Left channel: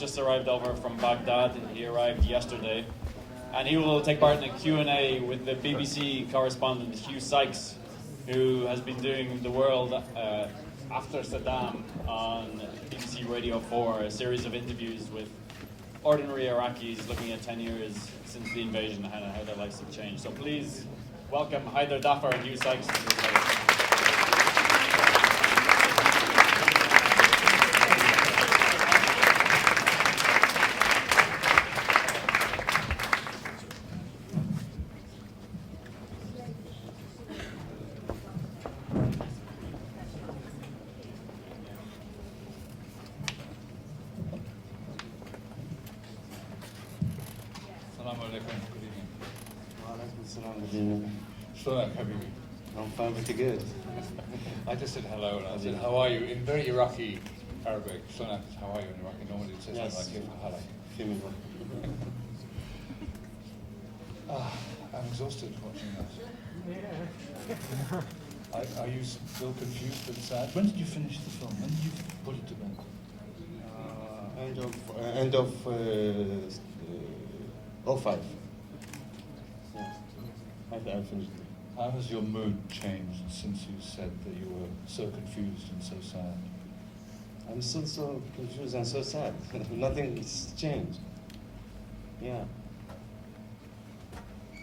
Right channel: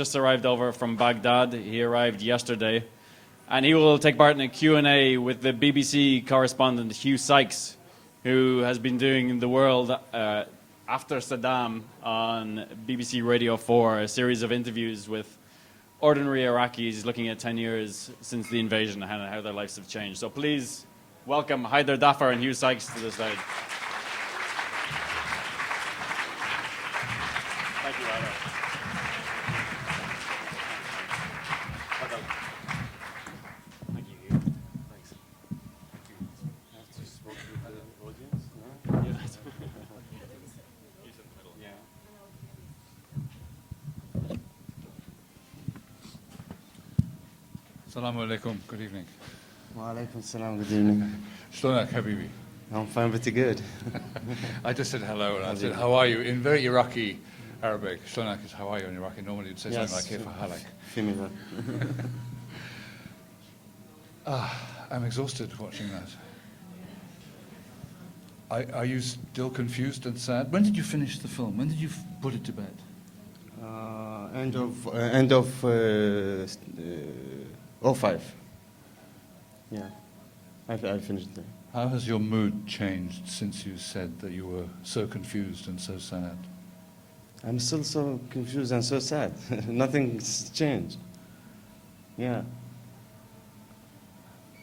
just arrived over from Baghdad. He arrived yesterday. And he will take part in a Q&A with the BBC correspondent Hugh Sykes, who has been doing The World after Saddam on BBC Radio 4, a series of interviews with ordinary Iraqis looking at 10 years since the invasion and how their lives have changed. So please welcome Haider Dafar and Hugh Sykes to the stage. Assalamu alaikum, good evening. Wa alaikum salam, good evening. Shlonak, Habibi. I'm fine, pretty good. I just said hello and I said, how are you? In very Iraqi Arabic. Shlonak is how are you in Iraqi. Normally you'd say something like Kayfa halak. Female. I'm exhausted watching that. Are you still confused and sad? When did you finish the film? When did you put it to bed? End of 05. Yeah, I finished it. How has your mood changed since you said that you were so confused and so sad? I'm still so confused and so sad. Nothing's changed. Yeah.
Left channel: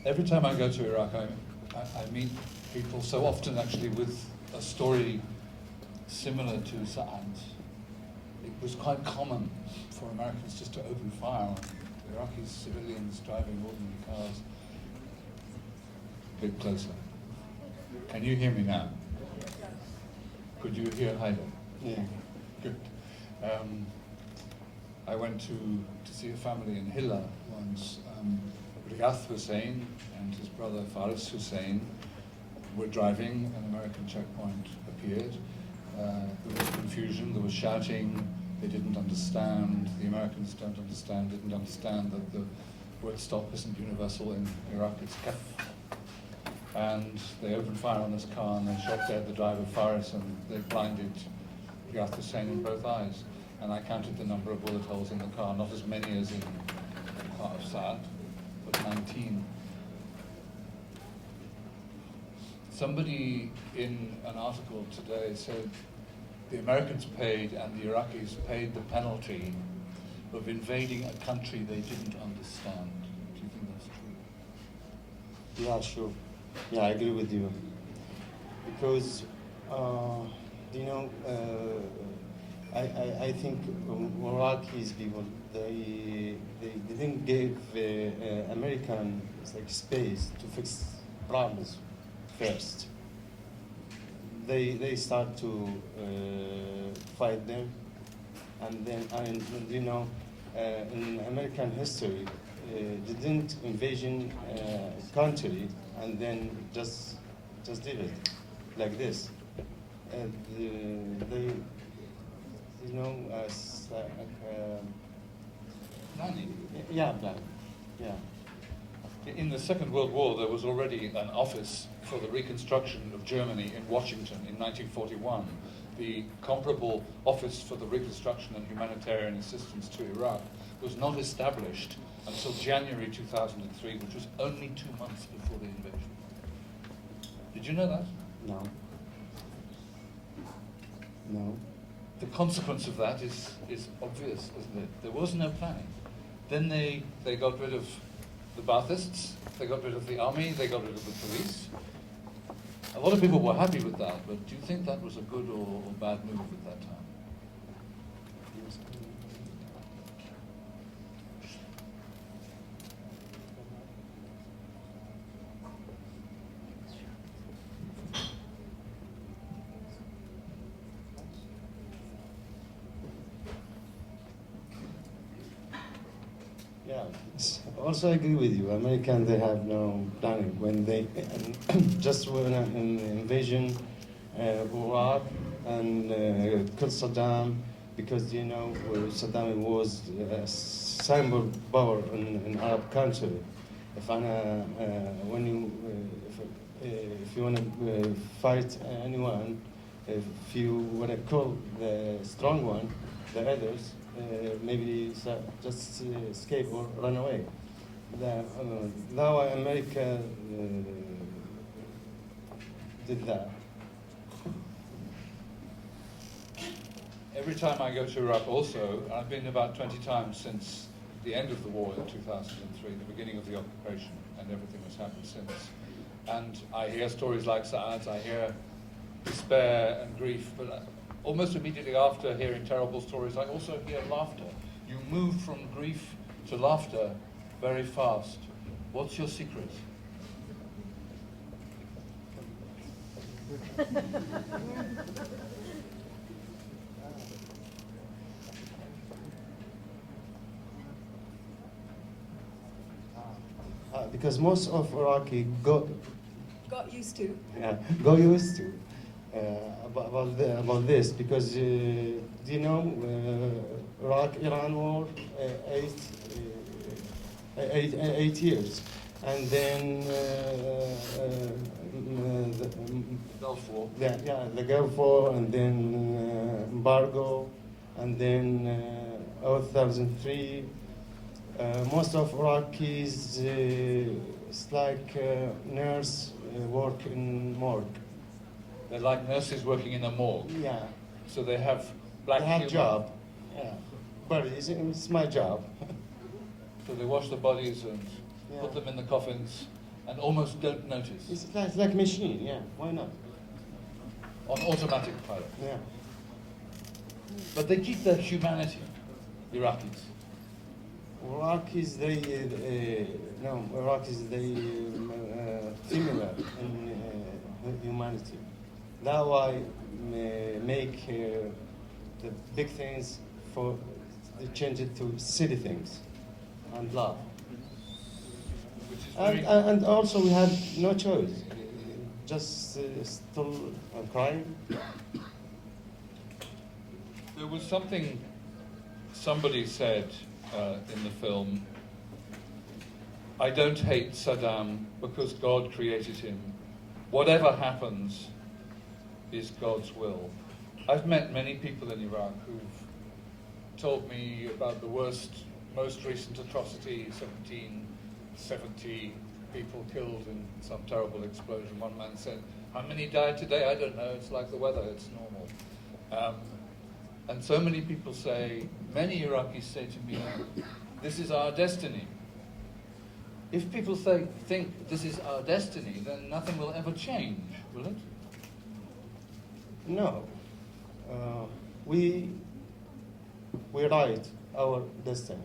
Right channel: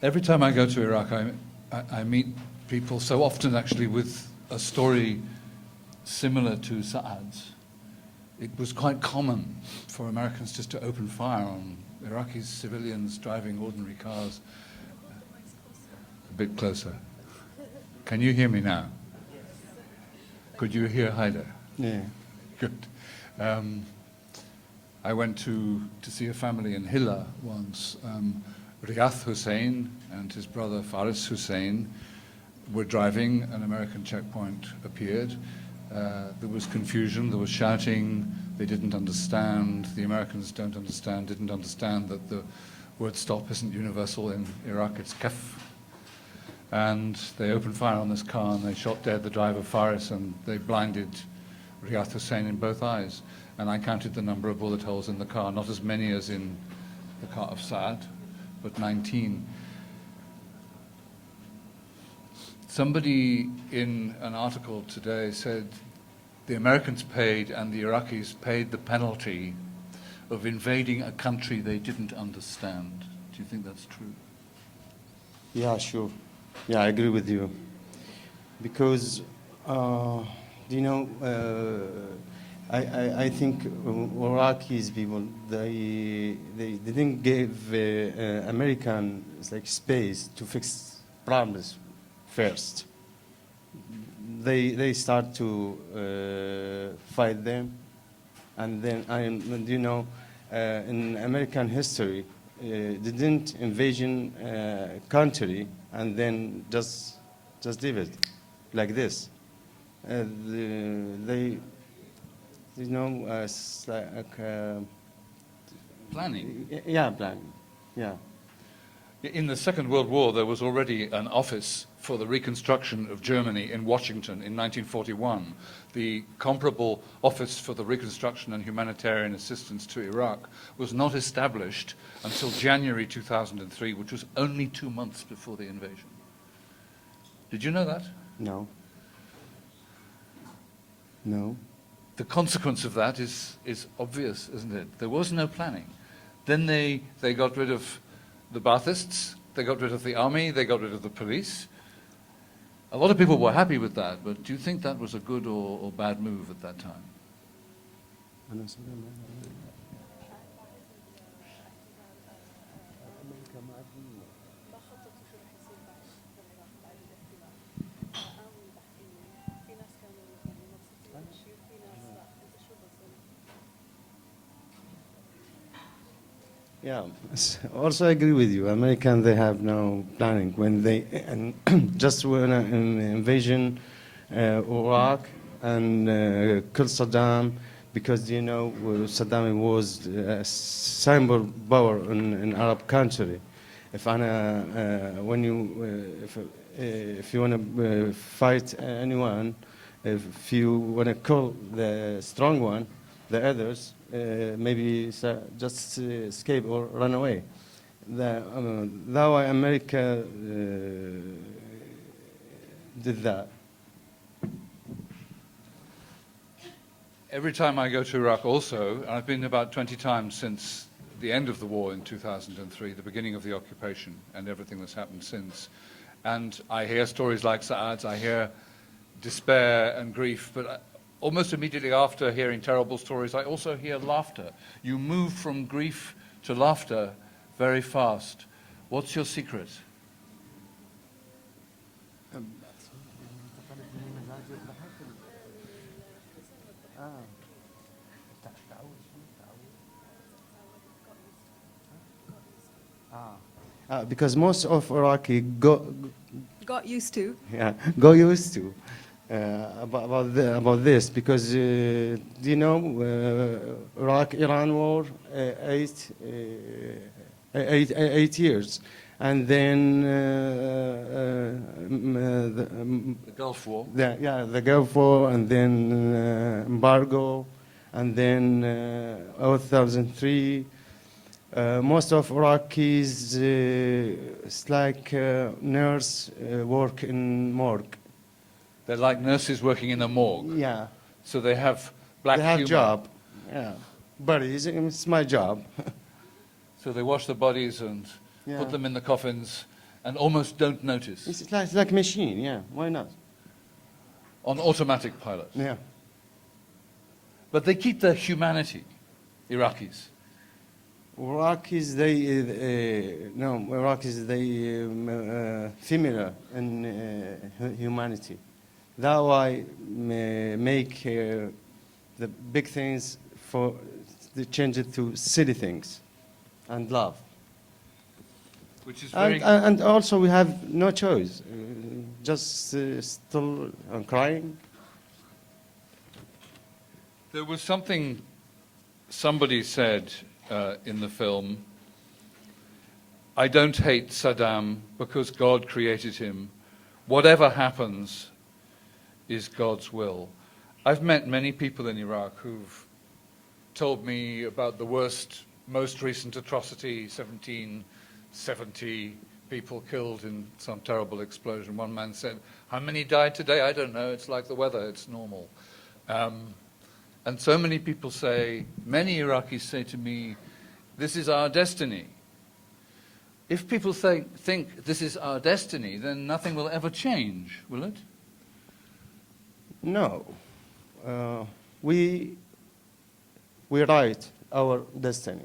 Every time I go to Iraq, I meet people so often actually with a story similar to Saad's. It was quite common for Americans just to open fire on Iraqi civilians driving ordinary cars. A bit closer. Can you hear me now? Could you hear Haider? Yeah. Good. I went to see a family in Hilla once. Riyadh Hussein and his brother Faris Hussein were driving. An American checkpoint appeared. There was confusion, there was shouting. They didn't understand. The Americans didn't understand that the word stop isn't universal in Iraq, it's kaf. And they opened fire on this car and they shot dead the driver Faris and they blinded Riyadh Hussein in both eyes. And I counted the number of bullet holes in the car, not as many as in the car of Saad, but 19. Somebody in an article today said the Americans paid and the Iraqis paid the penalty of invading a country they didn't understand. Do you think that's true? Yeah, sure. Yeah, I agree with you. Because, you know, I think Iraqis people, they didn't give American space to fix problems first. They start to fight them, and then you know, in American history, didn't invasion country and then just leave it like this. They, you know, Planning. Yeah, planning. Yeah. In the Second World War, there was already an office for the reconstruction of Germany in Washington in 1941. The comparable Office for the Reconstruction and Humanitarian Assistance to Iraq was not established until January 2003, which was only 2 months before the invasion. Did you know that? No. No. The consequence of that is obvious, isn't it? There was no planning. Then they got rid of the Baathists, they got rid of the army, they got rid of the police. A lot of people were happy with that, but do you think that was a good or bad move at that time? Yeah, also I agree with you. American, they have no planning. When they just when an invasion Iraq and killed Saddam, because you know Saddam was a symbol power in Arab country. If you want to fight anyone, if you want to kill the strong one, the others, maybe just escape or run away. That's why America did that. Every time I go to Iraq also, and I've been about 20 times since the end of the war in 2003, the beginning of the occupation and everything that's happened since, and I hear stories like Saad's, I hear despair and grief, but almost immediately after hearing terrible stories, I also hear laughter. You move from grief to laughter very fast. What's your secret? Because most of Iraqi Got used to. go used to about this because do you know Iraq-Iran war 8 years, and then the Gulf War. the Gulf War, and then embargo, and then 2003. Most of Iraqis, it's like nurse work in morgue. They're like nurses working in a morgue. Yeah, So they have black they have humor. job. Yeah, but it's my job. So they wash the bodies and Yeah. put them in the coffins and almost don't notice. It's like machine. Yeah, why not? On automatic pilot. Yeah. But they keep their humanity, Iraqis. Iraqis, similar in humanity. That why make the big things for they change it to silly things and love. Which is very... And also we have no choice. Just still crying. There was something somebody said in the film, I don't hate Saddam because God created him. Whatever happens is God's will. I've met many people in Iraq who've told me about the worst, most recent atrocity, 1770 people killed in some terrible explosion. One man said, how many died today? I don't know, it's like the weather, it's normal. And so many people say, many Iraqis say to me, this is our destiny. If people think this is our destiny, then nothing will ever change, will it? No, we write our destiny.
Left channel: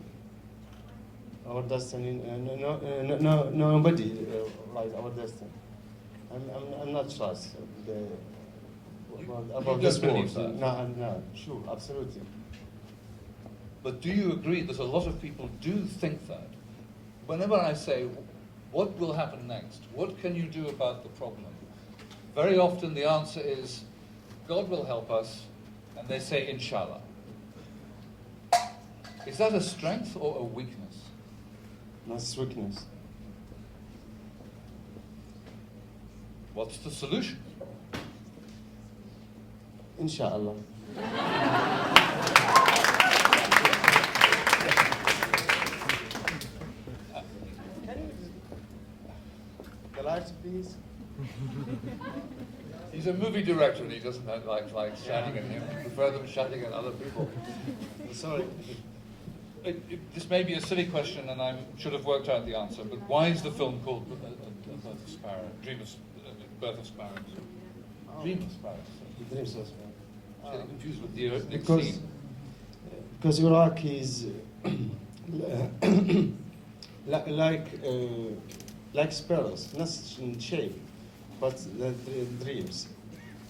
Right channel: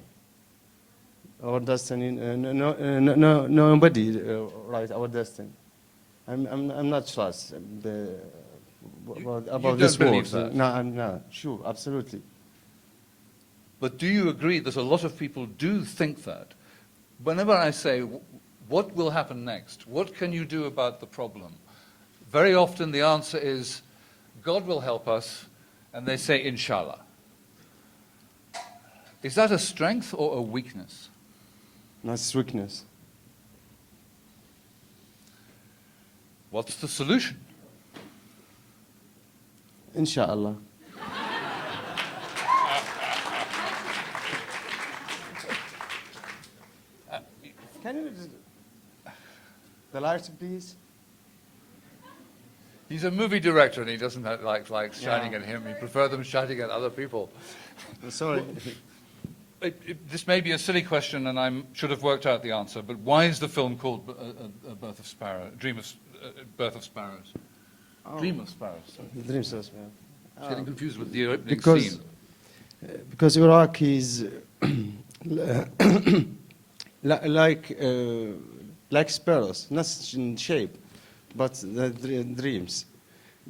Our destiny. Nobody write our destiny. I'm not trust about this don't world. believe that? No, I'm not sure. Absolutely. But do you agree that a lot of people do think that? Whenever I say, what will happen next? What can you do about the problem? Very often the answer is, God will help us, and they say, Inshallah. Is that a strength or a weakness? That's weakness. What's the solution? Inshallah. Can you the lights, please? He's a movie director and he doesn't like shining Yeah. at him. He prefers them shining at other people. Sorry. This may be a silly question and I should have worked out the answer, but why is the film called A Birth of Sparrow? Birth of Sparrows? Dream of Sparrows. Sorry. Dreams as I'm getting confused with the opening Because scene. because Iraq is like sparrows, not in shape, but the dreams.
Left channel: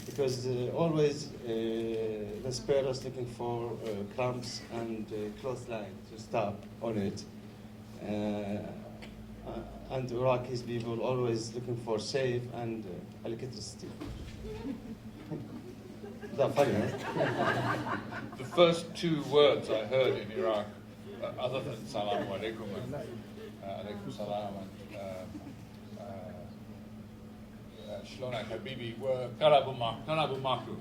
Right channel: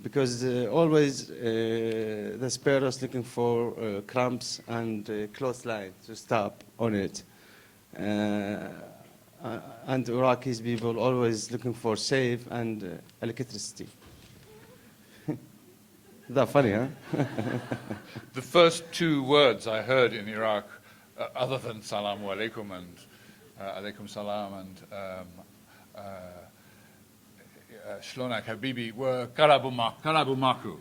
Because always the sparrows looking for crumbs and clothesline to stop on it. And Iraqi people always looking for safe and electricity. That's funny, huh? The first two words I heard in Iraq, other than Salaam alaikum and alaikum salam and Shlonak Habibi, were Karabu Maku.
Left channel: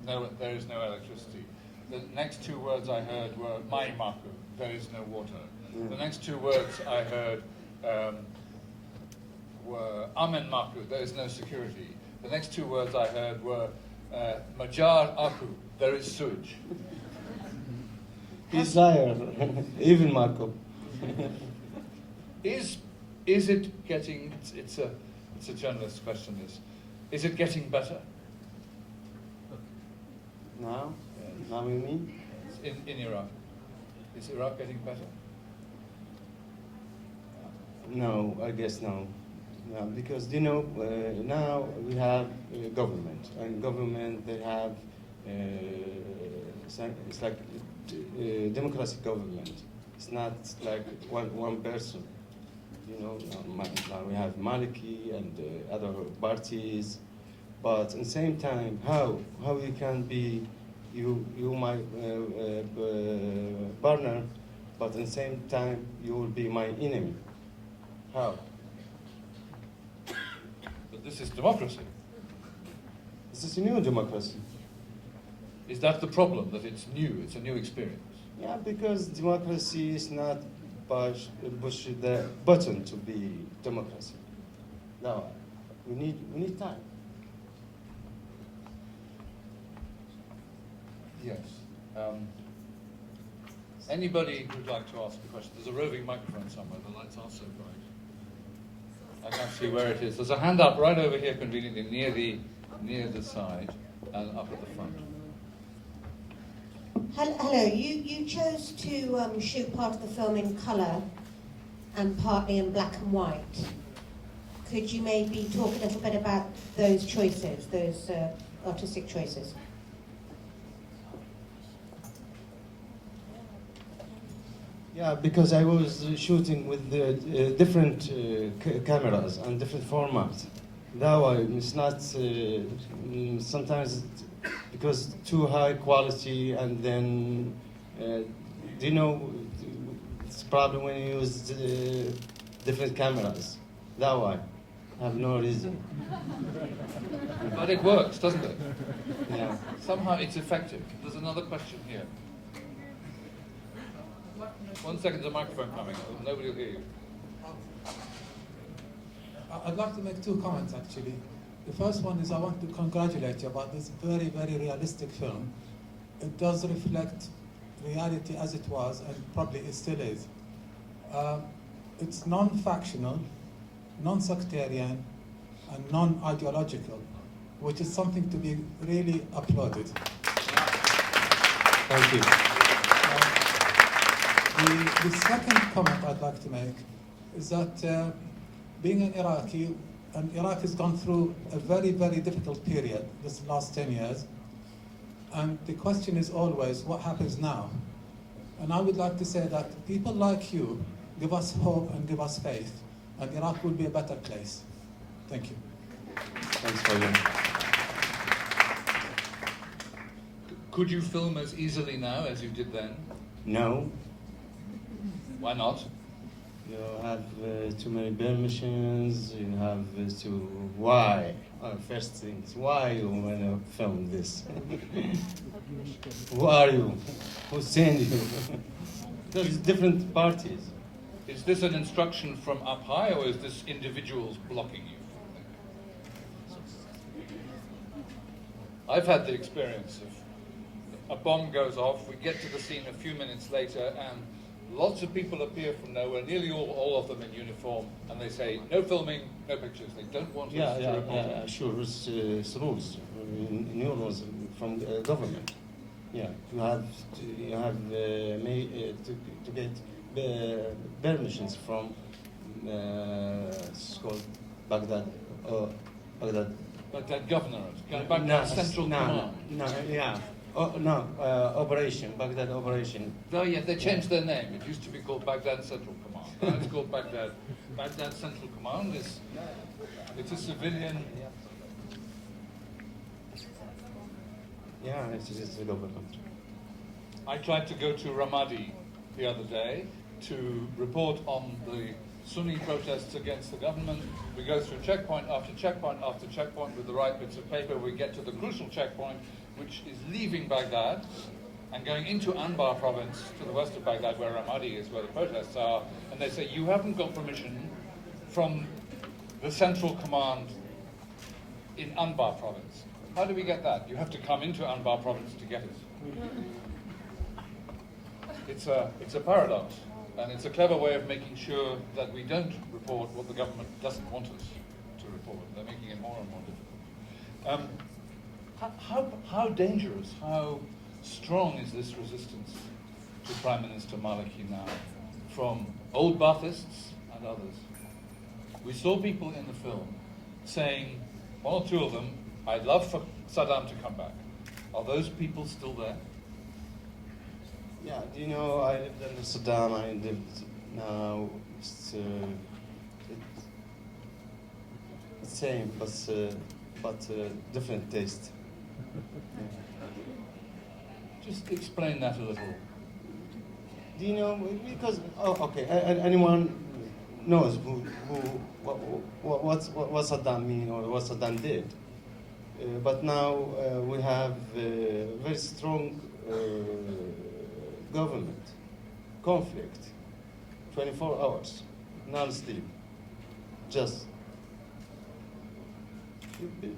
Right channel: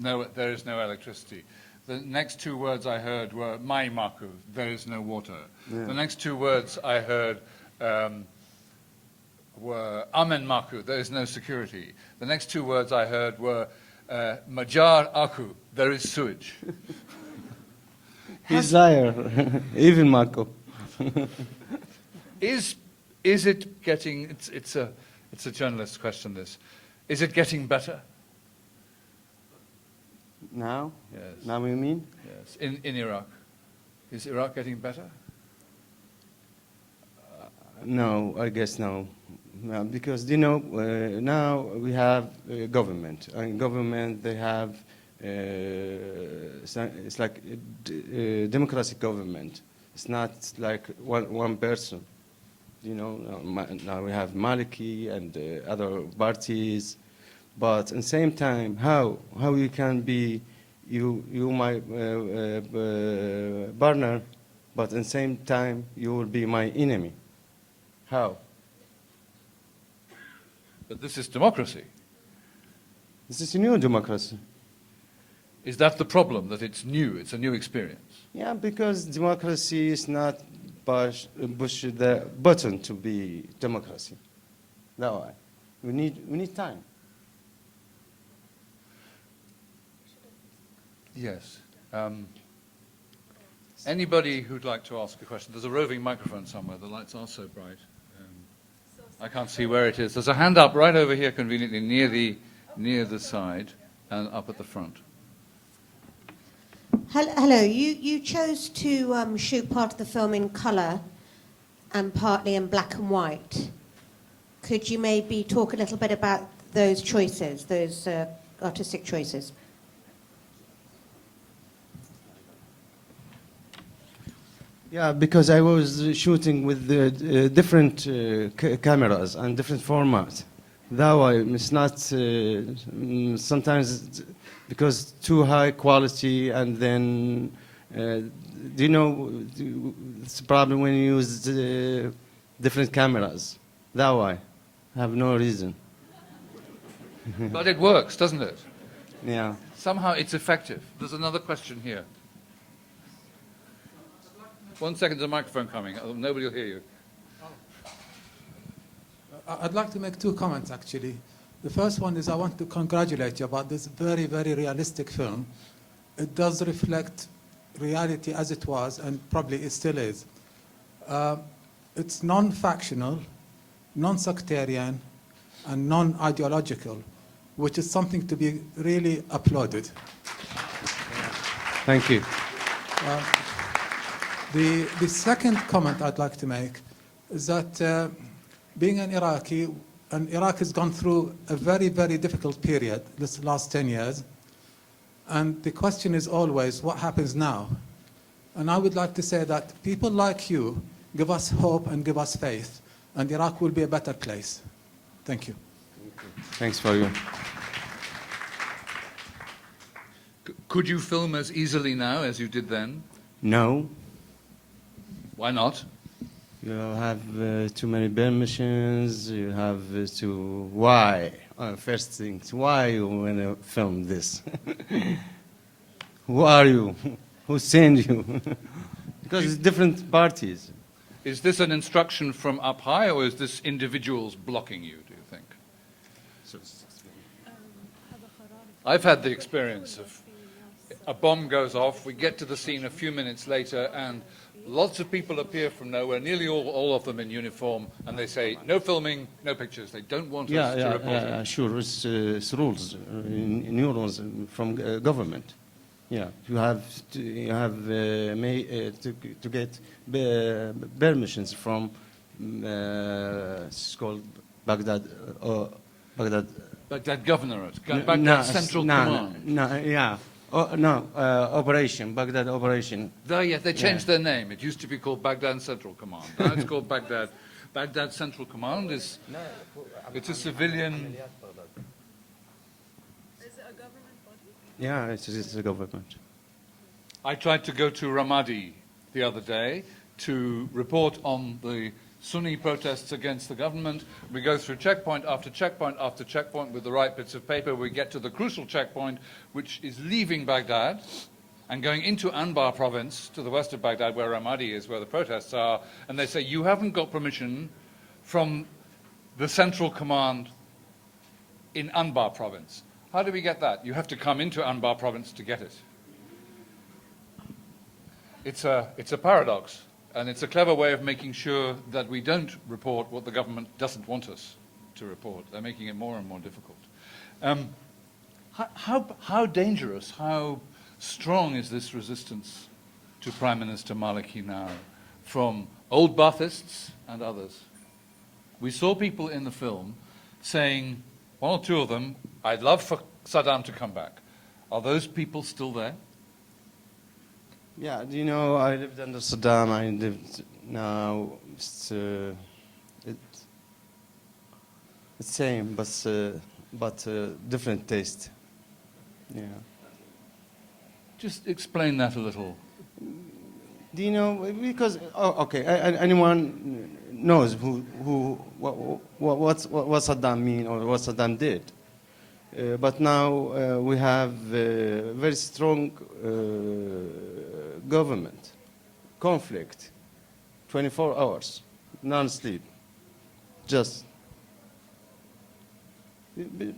No, there is no electricity. The next two words I heard were mai maku, there is no water. Yeah. The next two words I heard were amen maku, there is no security. The next two words I heard were majar aku, there is sewage. He's liar, even Marco. Is it getting? It's a journalist's question. This is it getting better? Now? Yes. Now you mean? Yes. In Iraq, is Iraq getting better? No, I guess no. No, because now we have government, and government they have it's like democracy government. It's not like one person. Now we have Maliki and other parties, but at the same time, how you can be you my partner, but at the same time you will be my enemy. How? But this is democracy. This is a new democracy. Is that the problem? That it's new? It's a new experience. Yeah, because democracy is not push the button to be democracy. No, we need time. Yes. Anybody who'd like to ask a question? There's a roving microphone somewhere. The lights are so bright. I can't see where it is. There's a hand up right over here, conveniently near the side, and up at the front. Hello. You chose to shoot part of the film in colour and partly in black and white. Could you maybe talk a little bit about those choices, those artistic choices? Yeah, because I was shooting with the different cameras and different formats. That way, it's not sometimes because too high quality, and then it's a problem when you use different cameras. That way, have no reason. But it works, doesn't it? Yeah. Somehow it's effective. There's another question here. 1 second, there's a microphone coming. Nobody will hear you. I'd like to make two comments, actually. The first one is I want to congratulate you about this very, very realistic film. It does reflect reality as it was, and probably it still is. It's non-factional, non-sectarian, and non-ideological, which is something to be really applauded. Thank you. The second comment I'd like to make is that being an Iraqi, and Iraq has gone through a very, very difficult period this last 10 years, and the question is always, what happens now? And I would like to say that people like you give us hope and give us faith, and Iraq will be a better place. Thank you. Thanks for you. Could you film as easily now as you did then? No. Why not? You have too many permissions. You have to. Why? First things. Why you want to film this? Who are you? Who sent you? Because it's different parties. Is this an instruction from up high, or is this individuals blocking you, do you think? I've had the experience of a bomb goes off, we get to the scene a few minutes later, and lots of people appear from nowhere, nearly all of them in uniform, and they say, no filming, no pictures. They don't want us to report it. Sure. It's rules, new rules from government. Yeah, you have to get permissions from it's called Baghdad or Baghdad. Baghdad Governorate, Baghdad Central Command. Operation, Baghdad Operation. Oh, yeah, they changed their name. It used to be called Baghdad Central Command. Now it's called Baghdad. Baghdad Central Command it's a civilian. Yeah, it's the government. I tried to go to Ramadi the other day to report on the Sunni protests against the government. We go through checkpoint after checkpoint after checkpoint with the right bits of paper. We get to the crucial checkpoint, which is leaving Baghdad, and going into Anbar province to the west of Baghdad where Ramadi is, where the protests are, and they say, you haven't got permission from the central command in Anbar province. How do we get that? You have to come into Anbar province to get it. It's a paradox, and it's a clever way of making sure that we don't report what the government doesn't want us to report. They're making it more and more difficult. How dangerous, how strong is this resistance to Prime Minister Maliki now from old Baathists and others? We saw people in the film saying, one or two of them, I'd love for Saddam to come back. Are those people still there? Yeah, you know, I lived under Saddam. I lived now. It's same, but different taste. Yeah. Just explain that a little. Do you know? Because okay, anyone knows what Saddam mean or what Saddam did. But now we have very strong government, conflict, 24 hours, non-sleep, just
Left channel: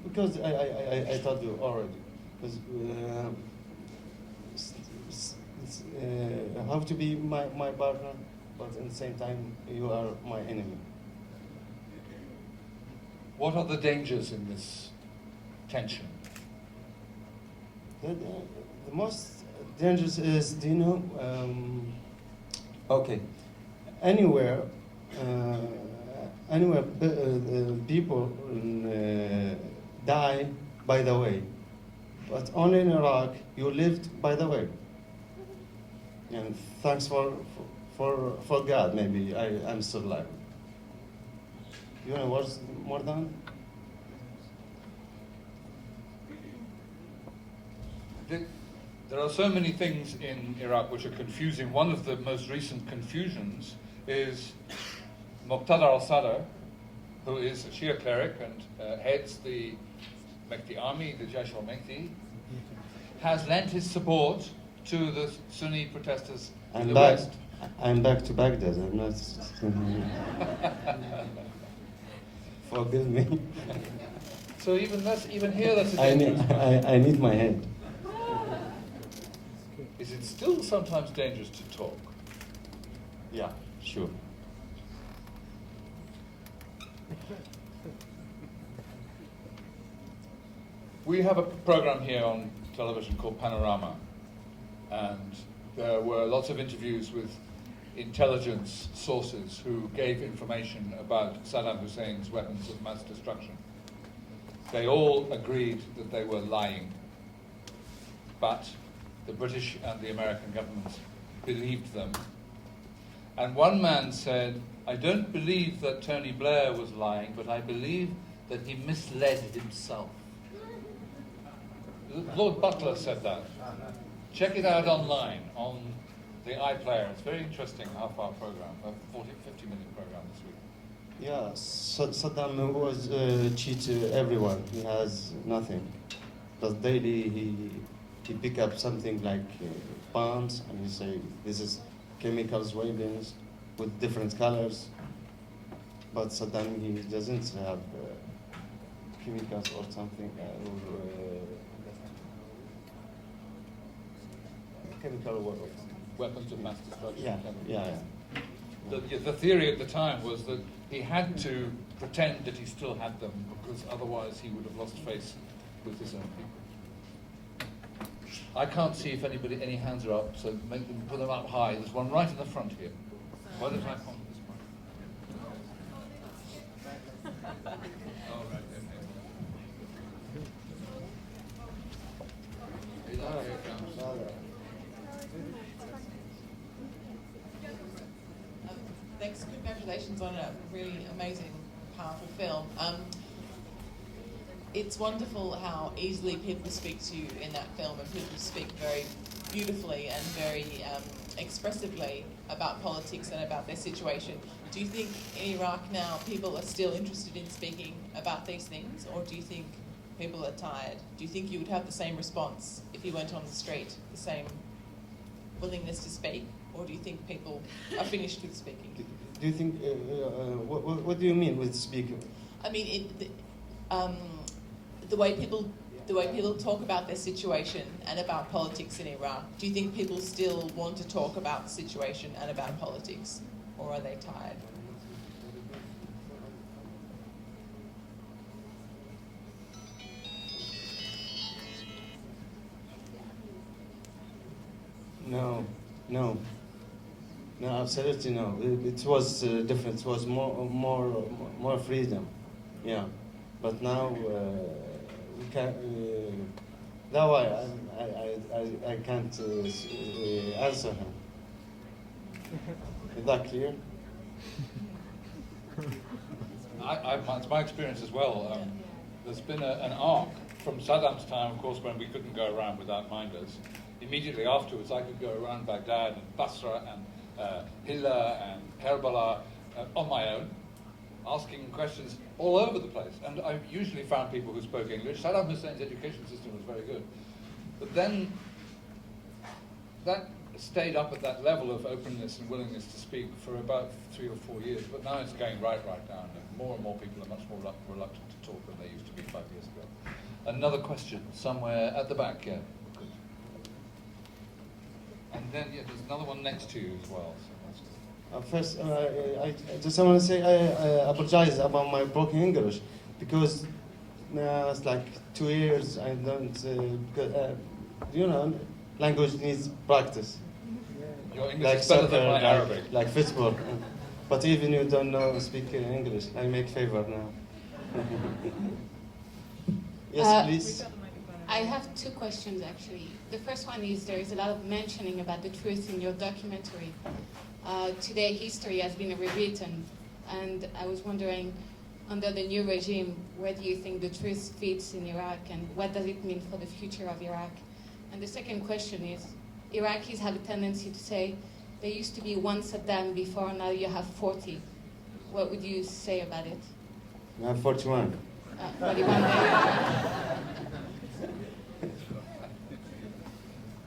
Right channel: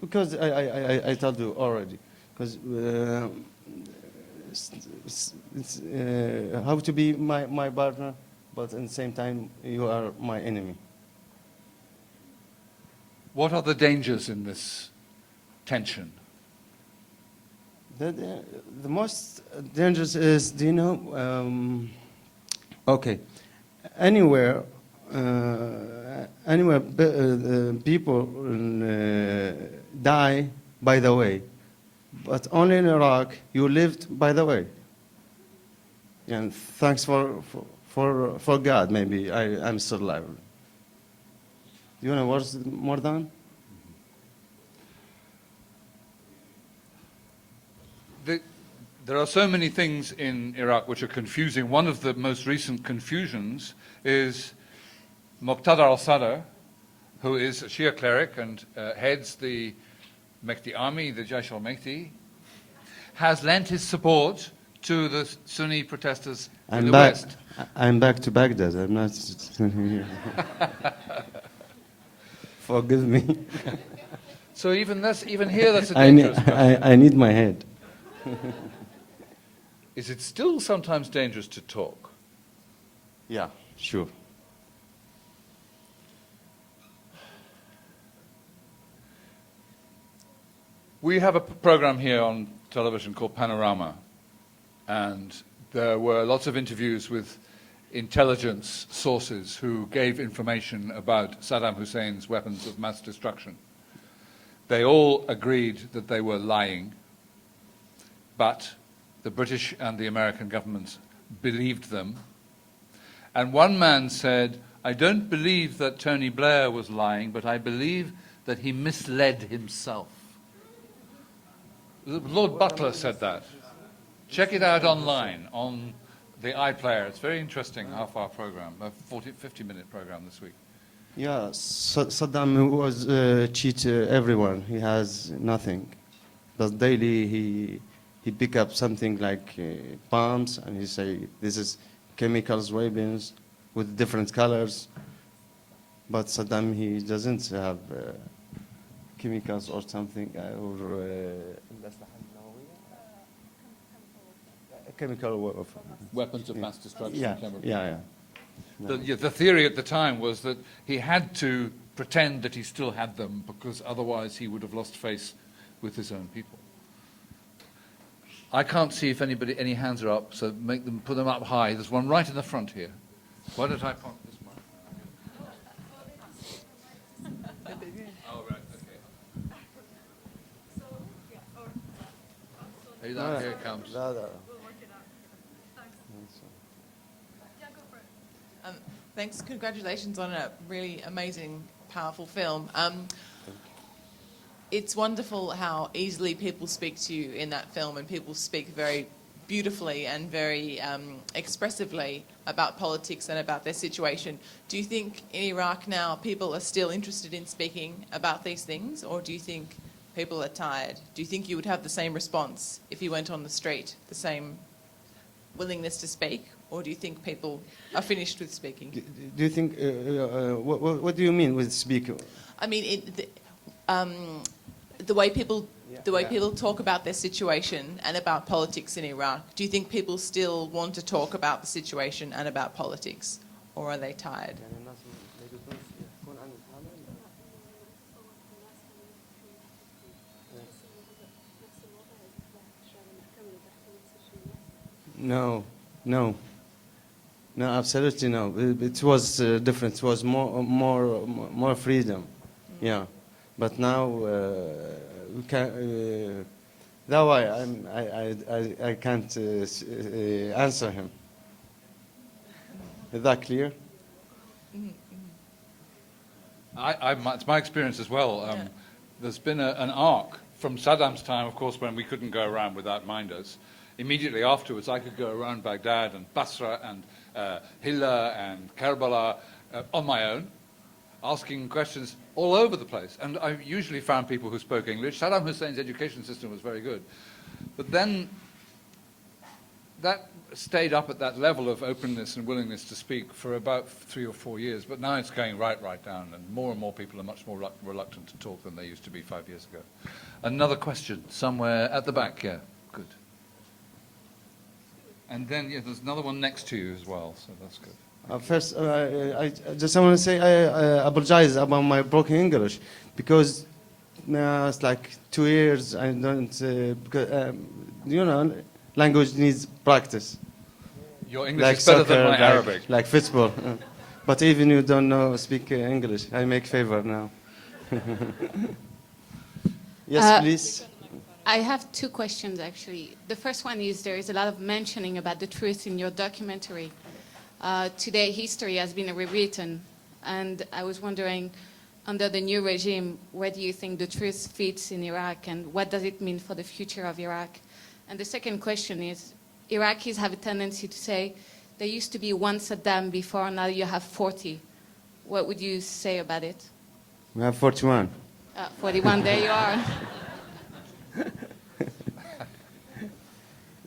because I told you already, because it's how to be my partner, but at the same time you are my enemy. What are the dangers in this tension? The most dangerous is, do you know, okay, anywhere people die by the way, but only in Iraq you lived by the way. And thanks for God, maybe I'm still alive. You know what's more than? There are so many things in Iraq which are confusing. One of the most recent confusions is Muqtada al-Sadr, who is a Shia cleric and heads the Mehdi army, the Jaish al-Mehdi, has lent his support to the Sunni protesters in the West. I'm back to Baghdad. I'm not forgive me. So even here that's a I need, dangerous stuff. I need my head. Is it still sometimes dangerous to talk? Yeah, sure. We have a program here on television called Panorama, and there were lots of interviews with intelligence sources who gave information about Saddam Hussein's weapons of mass destruction. They all agreed that they were lying, but the British and the American governments believed them. And one man said, I don't believe that Tony Blair was lying, but I believe that he misled himself. Lord Butler said that. Check it out online on the iPlayer. It's very interesting half-hour program, a 50-minute program this week. Yeah, Saddam was cheat everyone. He has nothing. But daily he pick up something like bombs and he say this is chemicals, weapons with different colors. But Saddam, he doesn't have chemicals or something or chemical Weapons of mass destruction. yeah, chemical. yeah. The theory at the time was that he had to pretend that he still had them because otherwise he would have lost face with his own people. I can't see if any hands are up, so put them up high. There's one right in the front here. Why don't I pop this one? Oh, right, okay. Here it comes. Thanks, congratulations on a really amazing, powerful film. It's wonderful how easily people speak to you in that film, and people speak very beautifully and very expressively about politics and about their situation. Do you think in Iraq now people are still interested in speaking about these things, or do you think people are tired? Do you think you would have the same response if you went on the street, the same willingness to speak, or do you think people are finished with speaking? Do you think, what do you mean with speaking? I mean, the way people talk about their situation and about politics in Iraq. Do you think people still want to talk about the situation and about politics, or are they tired? No, no, no, absolutely no. It was different. It was more freedom, yeah. But now we can. That's why I can't answer him. Is that clear? It's my experience as well. There's been an arc from Saddam's time, of course, when we couldn't go around without minders. Immediately afterwards, I could go around Baghdad and Basra and Hilla and Karbala on my own, asking questions all over the place. And I usually found people who spoke English. Saddam Hussein's education system was very good. But then that stayed up at that level of openness and willingness to speak for about 3 or 4 years. But now it's going right down, and more people are much more reluctant to talk than they used to be 5 years ago. Another question somewhere at the back, yeah. Good. And then, yeah, there's another one next to you as well, so that's good. First, I just want to say I apologize about my broken English, because it's like 2 years I don't, because, language needs practice. Your English is better than my Arabic. Like football. But even you don't speak English, I make favor now. Yes, please. I have 2 questions, actually. The first one is there is a lot of mentioning about the truth in your documentary. Today, history has been rewritten, and I was wondering, under the new regime, where do you think the truth fits in Iraq, and what does it mean for the future of Iraq? And the second question is, Iraqis have a tendency to say, there used to be one Saddam before, now you have 40. What would you say about it? We have 41. 41, there you are.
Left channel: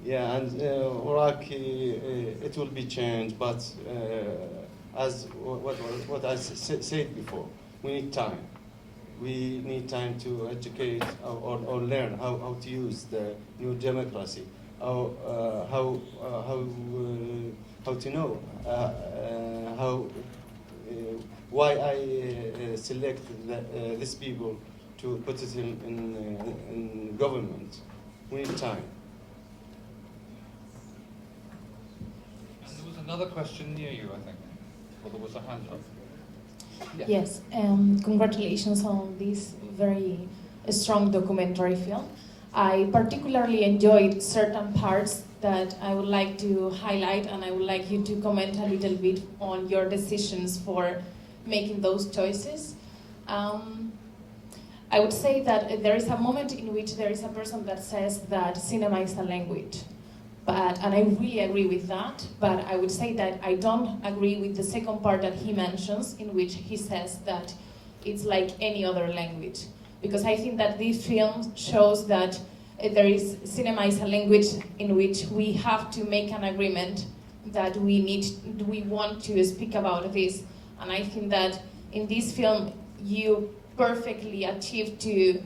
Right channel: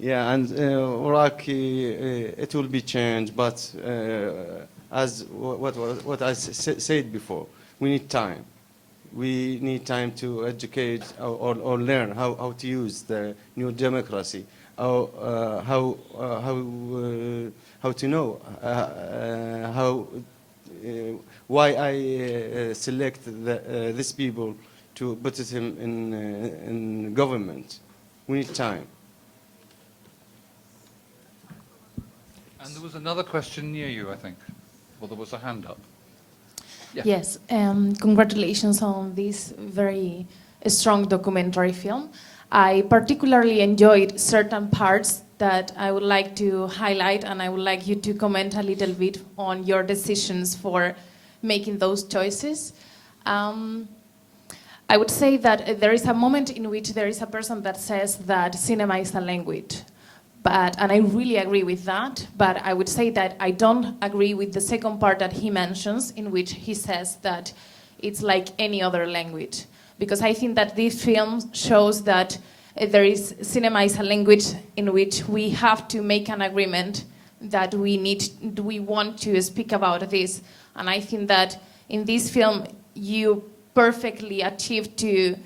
Yeah, and Iraq, it will be changed, but as what I said before, we need time. We need time to educate or learn how to use the new democracy, how to know why I select these people to put it in government. We need time. And there was another question near you, I think. Well, there was a hand up. Yeah. Yes, congratulations on this very strong documentary film. I particularly enjoyed certain parts that I would like to highlight, and I would like you to comment a little bit on your decisions for making those choices. I would say that there is a moment in which there is a person that says that cinema is a language. And I really agree with that, but I would say that I don't agree with the second part that he mentions, in which he says that it's like any other language. Because I think that this film shows that cinema is a language in which we have to make an agreement that we want to speak about this. And I think that in this film, you perfectly achieved to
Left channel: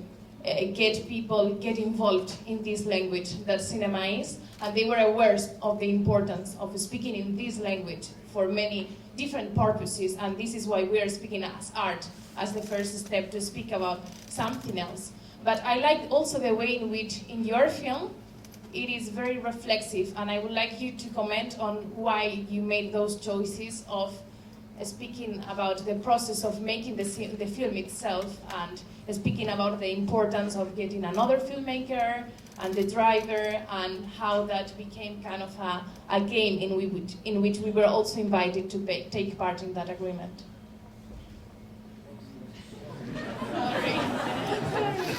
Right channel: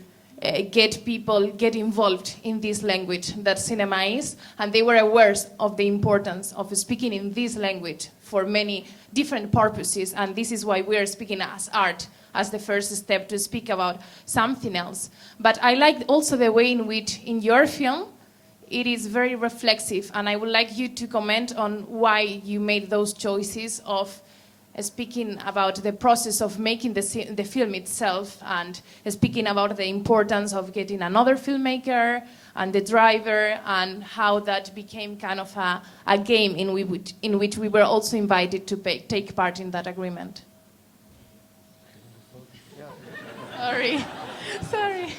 get people get involved in this language that cinema is, and they were aware of the importance of speaking in this language for many different purposes, and this is why we are speaking as art, as the first step to speak about something else. But I like also the way in which in your film it is very reflexive, and I would like you to comment on why you made those choices of speaking about the process of making the film itself, and speaking about the importance of getting another filmmaker and the driver, and how that became kind of a game in which we were also invited to take part in that agreement. Sorry.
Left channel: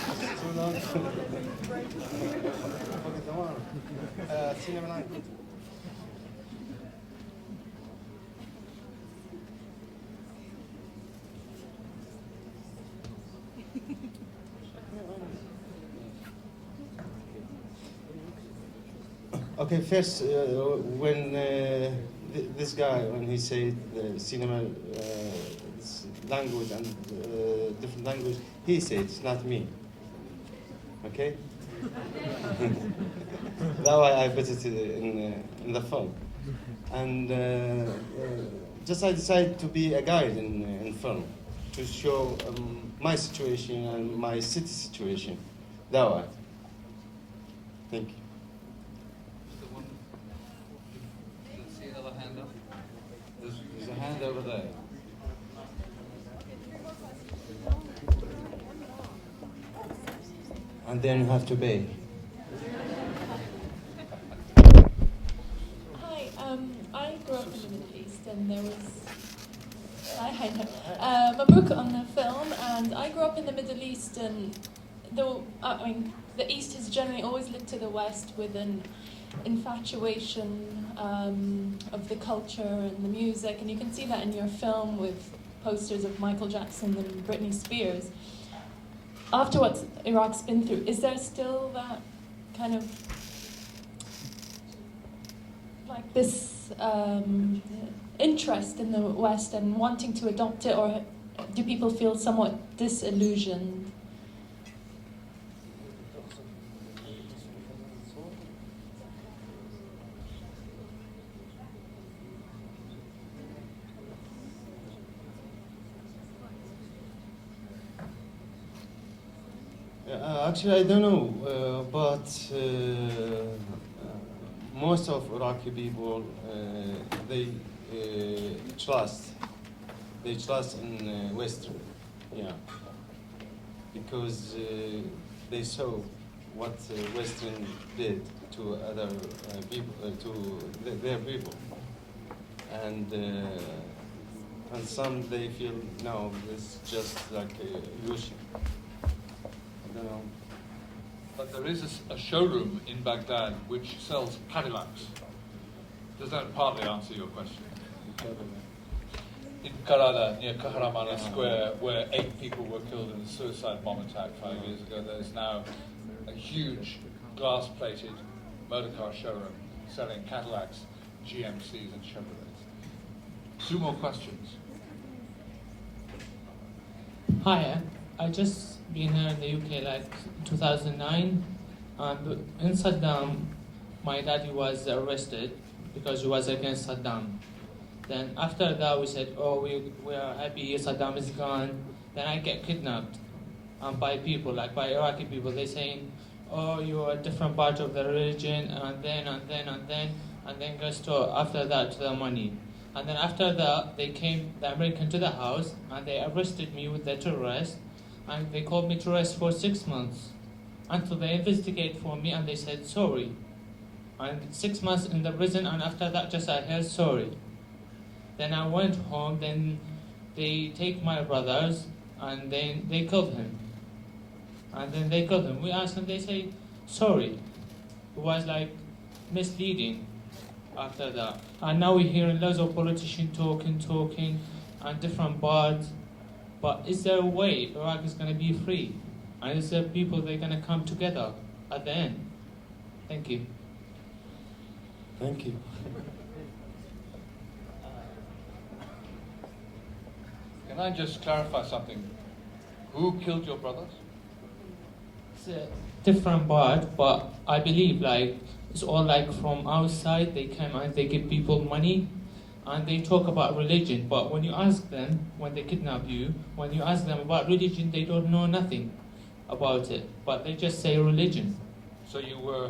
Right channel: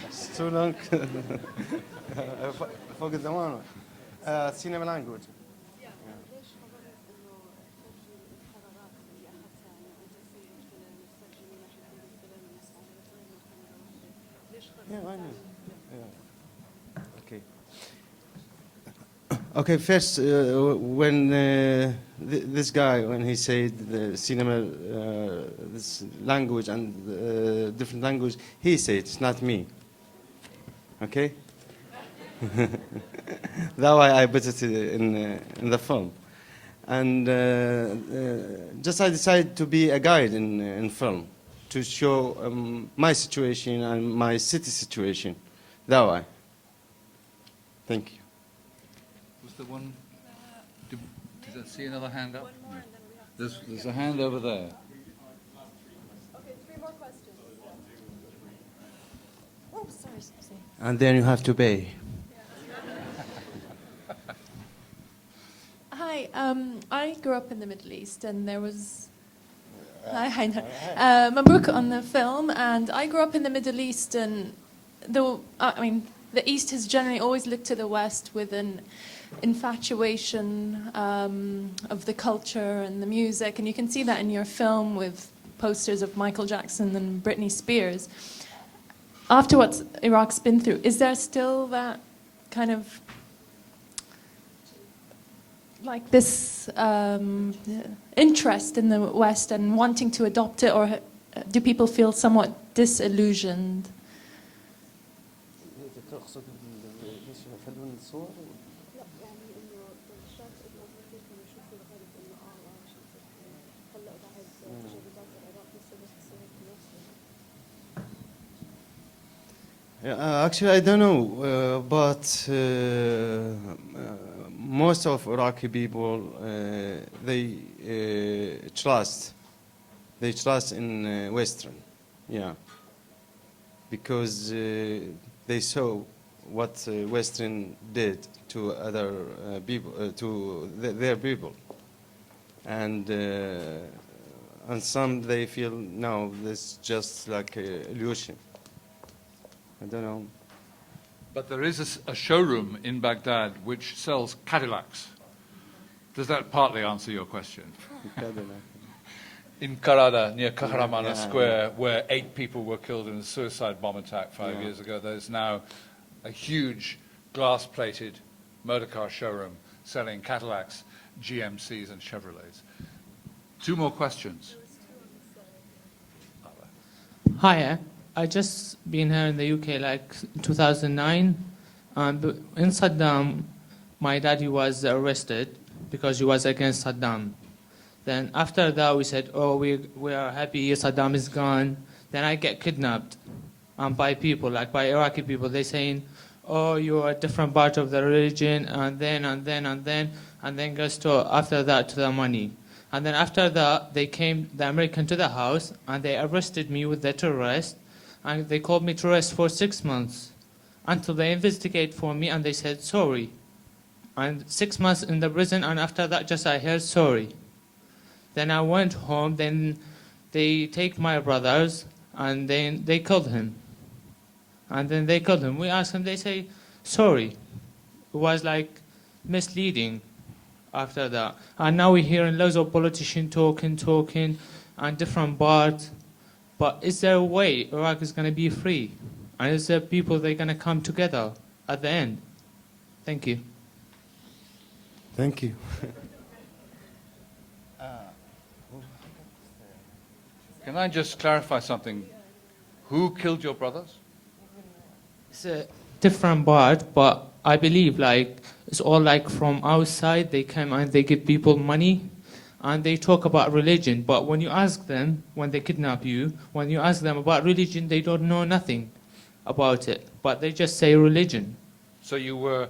It's too long. Cinema language. Okay, first, when this guy, when he said the cinema, this language and different language, he said, it's not me. Okay? That's why I put it in the film. And just I decided to be a guide in film, to show my situation and my city situation. That why. Thank you. Did I see another hand up? There's a hand over there. And then you have to pay. Hi, I grew up in the Middle East, and there was. I know. Mabruk on the film, and I grew up in the Middle East, and the East has generally always looked to the West with an infatuation of the culture and the music, and you can see that in your film with posters of Michael Jackson and Britney Spears. After what Iraq's been through, is there still that kind of like this interest in the West and wanting to adopt it, or do people feel somewhat disillusioned? Actually, I don't know, but most of Iraqi people they trust in Western, yeah, because they saw what Western did to other people, to their people, and some they feel no, this is just like a illusion. I don't know. But there is a showroom in Baghdad which sells Cadillacs. Does that partly answer your question? In Karada, near Kahraman Square, where 8 people were killed in a suicide bomb attack 5 years ago, there's now a huge glass-plated motor car showroom selling Cadillacs, GMCs, and Chevrolets. 2 more questions. Hiya. I just been here in the UK like 2009. But in Saddam, my daddy was arrested because he was against Saddam. Then after that, we said, oh, we are happy Saddam is gone. Then I get kidnapped by people, like by Iraqi people. They saying, oh, you are a different part of the religion, and then goes to after that to the money. And then after that, they came, the American, to the house, and they arrested me with the terrorist. And they called me to rest for 6 months until they investigate for me, and they said sorry. And 6 months in the prison, and after that just I heard sorry. Then I went home, then they take my brothers, and then they killed him. And then they killed him. We asked him, they say sorry. It was like misleading after that. And now we're hearing loads of politicians talking, and different parts. But is there a way Iraq is going to be free? And is there people that are going to come together at the end? Thank you. Thank you. Can I just clarify something? Who killed your brothers? It's a different part, but I believe like it's all like from outside. They come and they give people money, and they talk about religion. But when you ask them, when they kidnap you, when you ask them about religion, they don't know nothing about it. But they just say religion. So you were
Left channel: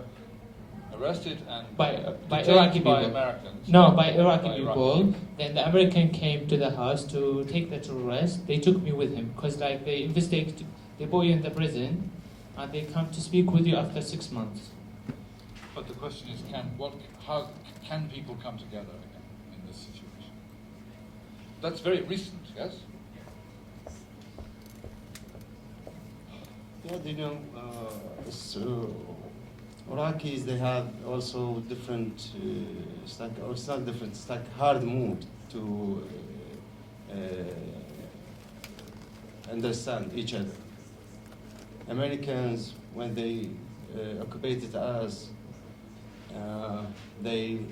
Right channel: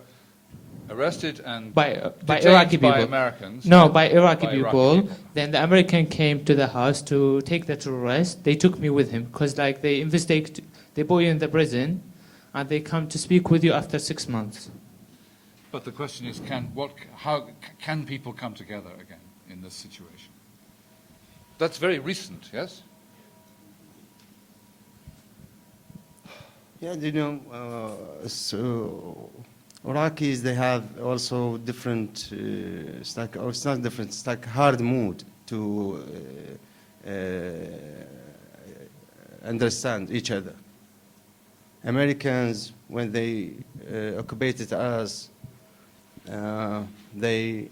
arrested and By detained Iraqi people. by Americans? No, by Iraqi By people. Then the American came to the house to take the terrorist. They took me with him because like they investigate, they put you in the prison, and they come to speak with you after 6 months. But the question is, how can people come together again in this situation? That's very recent, yes? Yeah, you know, so Iraqis, they have also different, it's not different, it's like hard mood to understand each other. Americans, when they occupied us, they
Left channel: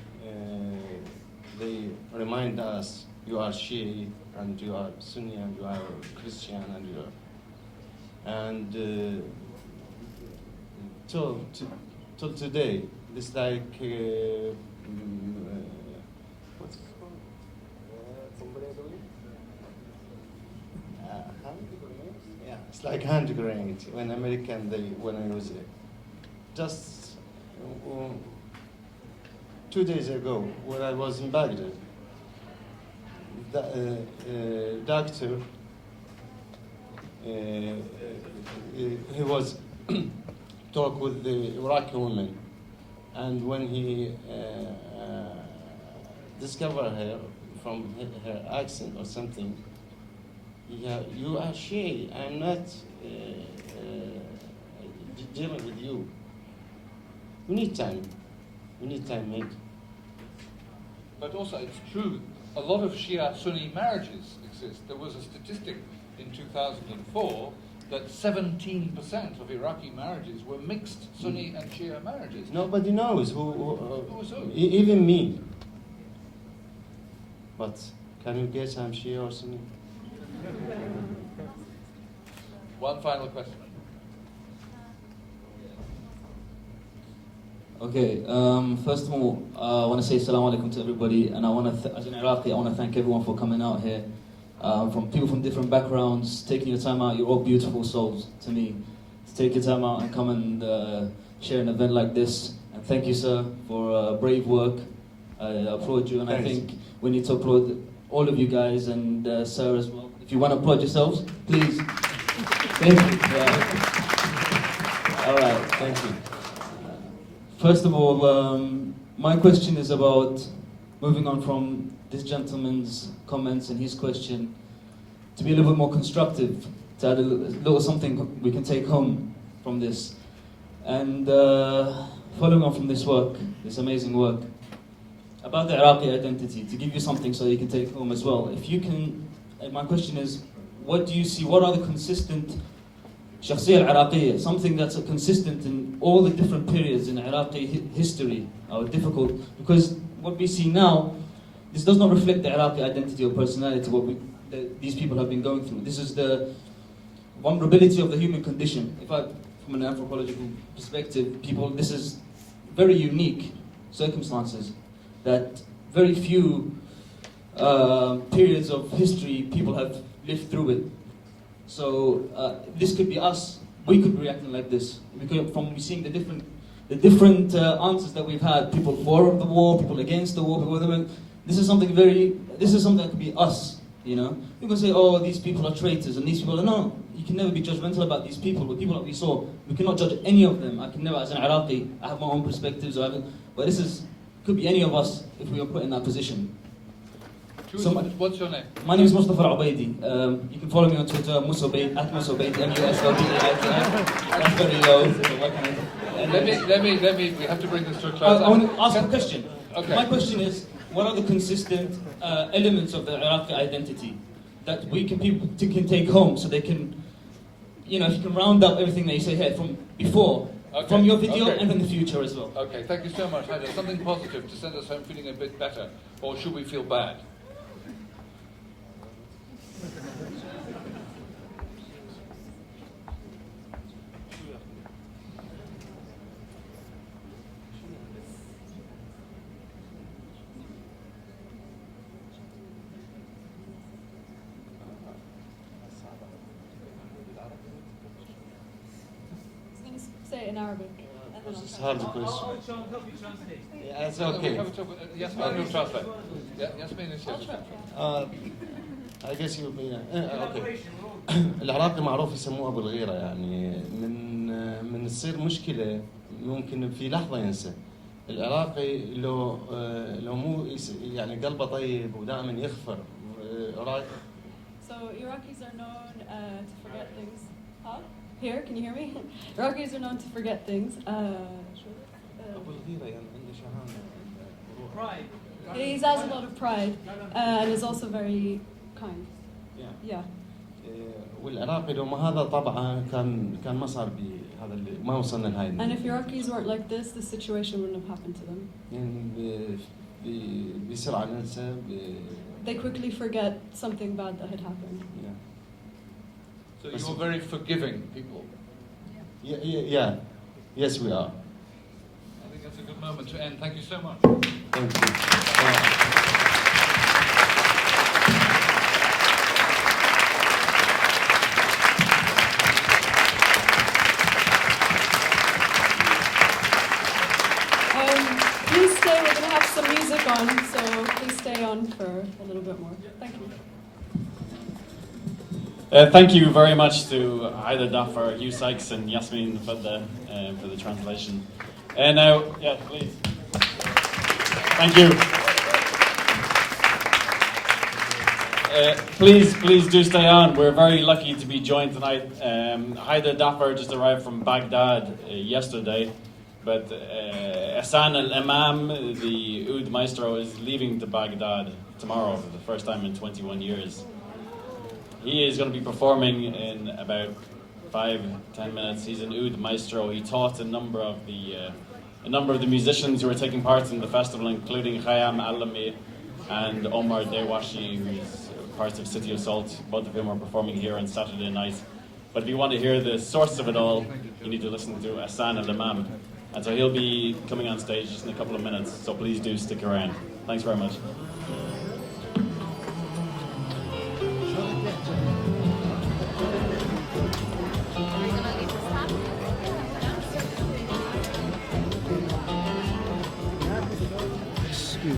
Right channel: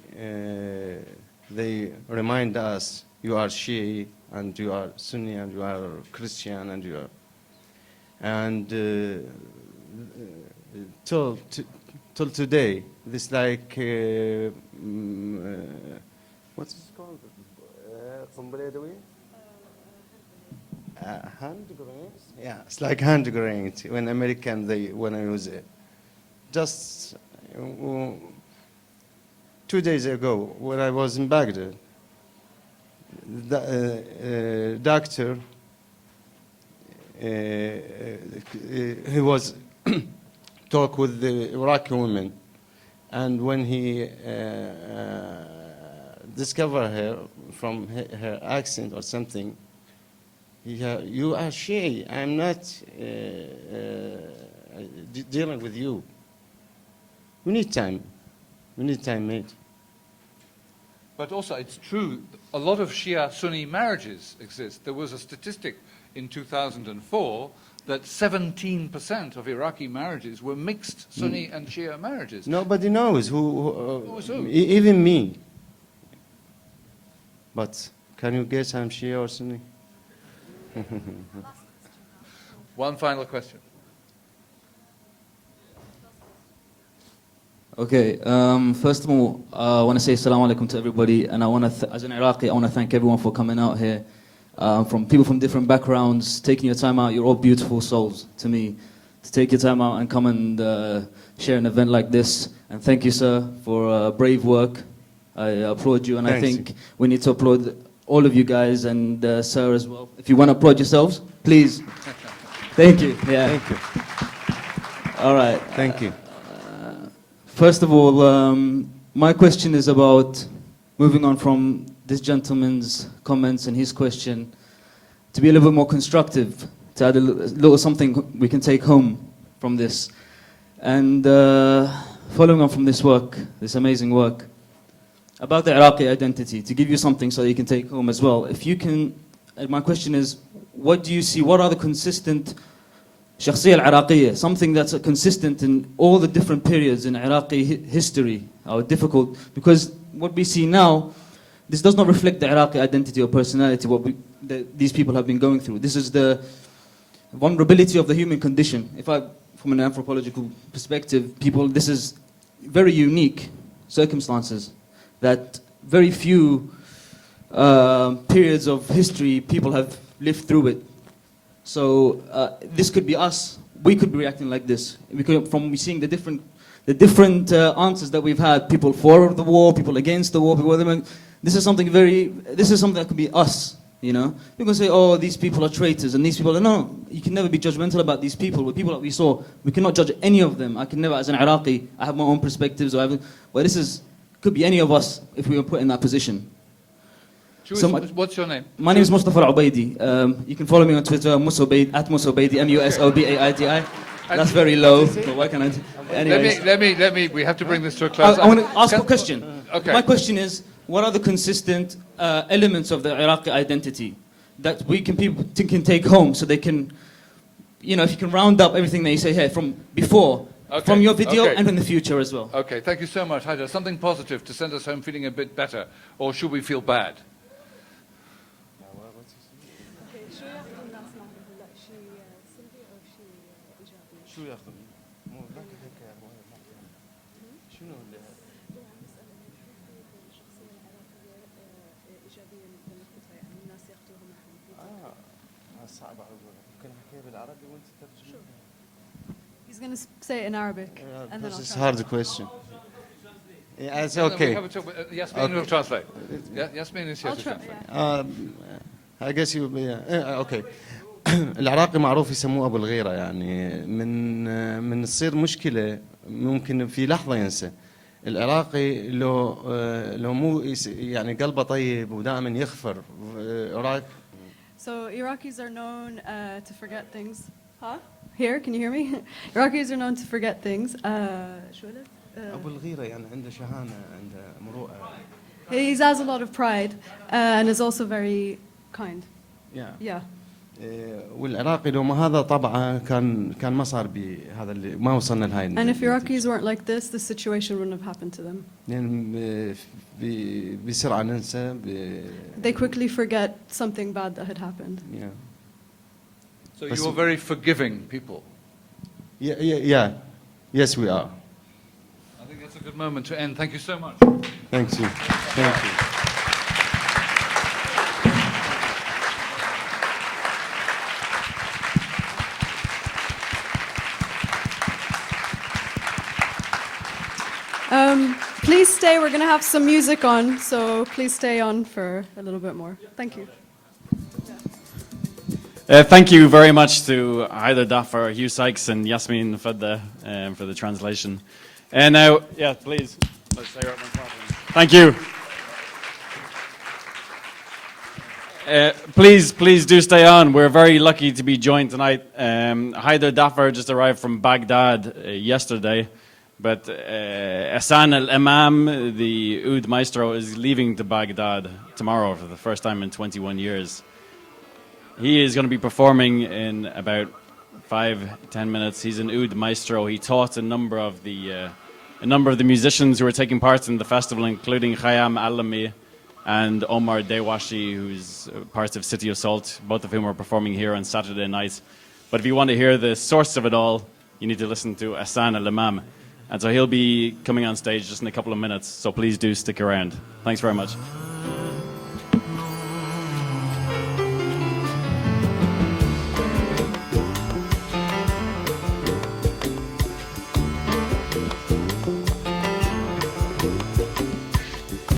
remind us you are Shia and you are Sunni and you are Christian and you are till today this like what's it called from Beledouin? Hand grenades? Yeah, it's like hand grenades when American they when I was just 2 days ago when I was in Baghdad, the doctor he was talk with the Iraqi woman, and when he discovered her from her accent or something, you are Shia. I'm not dealing with you. We need time. We need time, mate. But also, it's true, a lot of Shia-Sunni marriages exist. There was a statistic in 2004 that 17% of Iraqi marriages were mixed Sunni and Shia marriages. Nobody knows Who's who? Even me. But can you guess I'm Shia or Sunni? One final question. Okay, first of all, I want to say assalamu alaikum to everybody, and I want to, as an Iraqi, I want to thank everyone for coming out here. From people from different backgrounds, taking your time out. You're all beautiful souls to me. To take your time out and come and share an event like this. And thank you, sir, for brave work. I applaud you, and Thanks. I think we need to applaud all of you guys and sir as well. If you want to applaud yourselves, please. Thank you. Yeah. All right. Thank you. First of all, my question is about moving on from this gentleman's comments and his question to be a little bit more constructive, to add a little something we can take home from this. And following on from this work, this amazing work, about the Iraqi identity, to give you something so you can take home as well. If you can, my question is, what do you see, what are the consistent shakhsiyya al-Iraqiyya, something that's consistent in all the different periods in Iraqi history, are difficult, because what we see now, this does not reflect the Iraqi identity or personality, what these people have been going through. This is the vulnerability of the human condition. From an anthropological perspective, this is very unique circumstances that very few periods of history people have lived through it. So this could be us. We could be reacting like this. We could, from seeing the different answers that we've had, people for the war, people against the war, people. This is something that could be us. You know, people say, "Oh, these people are traitors," and these people are no. You can never be judgmental about these people. The people that we saw, we cannot judge any of them. I can never, as an Iraqi, I have my own perspectives. But this could be any of us if we were put in that position. What's your name? My name is Mustafa Al-Ubaidi. You can follow me on Twitter, Musobaidi, @Musobaidi, Musobaidi. That's very low. So why can I? Anyways. Let me. We have to bring this to a close. I want to ask a question. Okay. My question is, what are the consistent elements of the Iraqi identity that people can take home, so they can, if you can round up everything that you say here from before, from your video, and in the future as well. Okay, thank you so much, Haidar. Something positive to send us home feeling a bit better, or should we feel bad? He's going to say it in Arabic. And then This I'll is a translate. hard question. Yeah, it's okay. Yasmin will translate. Yasmin is here. I'll try. I guess you will be okay. العراقي معروف يسموه ابو الغيره، يعني من تصير مشكله ممكن في لحظه ينسى. العراقي لو مو يعني قلبه طيب ودائما يغفر. So Iraqis are known to forget things. Huh? Here, can you hear me? Iraqis are known to forget things. شو قلت؟ ابو الغيره يعني عنده شهامه، عنده مروءه. He has a lot of pride and is also very kind. Yeah. Yeah. والعراقي لو ما هذا طبعا كان ما صار بهذا اللي ما وصلنا لهاي And if Iraqis weren't like this, the situation wouldn't have happened to them. يعني بسرعة ننسى They quickly forget something bad that had happened. yeah. So you're very forgiving people. Yeah. Yes, we are. I think that's a good moment to end. Thank you so much. Thank you. Thank you. Please stay, we're going to have some music on, so please stay on for a little bit more. Thank you. Thank you very much to Haida Dafar, Hugh Sykes, and Yasmin for the translation. And now, yeah, please. Thank you. Please do stay on. We're very lucky to be joined tonight. Haida Dafar just arrived from Baghdad yesterday, but Hassan al-Imam, the oud maestro, is leaving to Baghdad tomorrow for the first time in 21 years. He is going to be performing in about 5-10 minutes. He's an oud maestro. He taught a number of the musicians who are taking part in the festival, including Khayyam Alami and Omar Dewashi, who's part of City Assault, both of whom are performing here on Saturday night. But if you want to hear the source of it all, you need to listen to Hassan al-Imam. And so he'll be coming on stage just in a couple of minutes, so please do stick around. Thanks very much.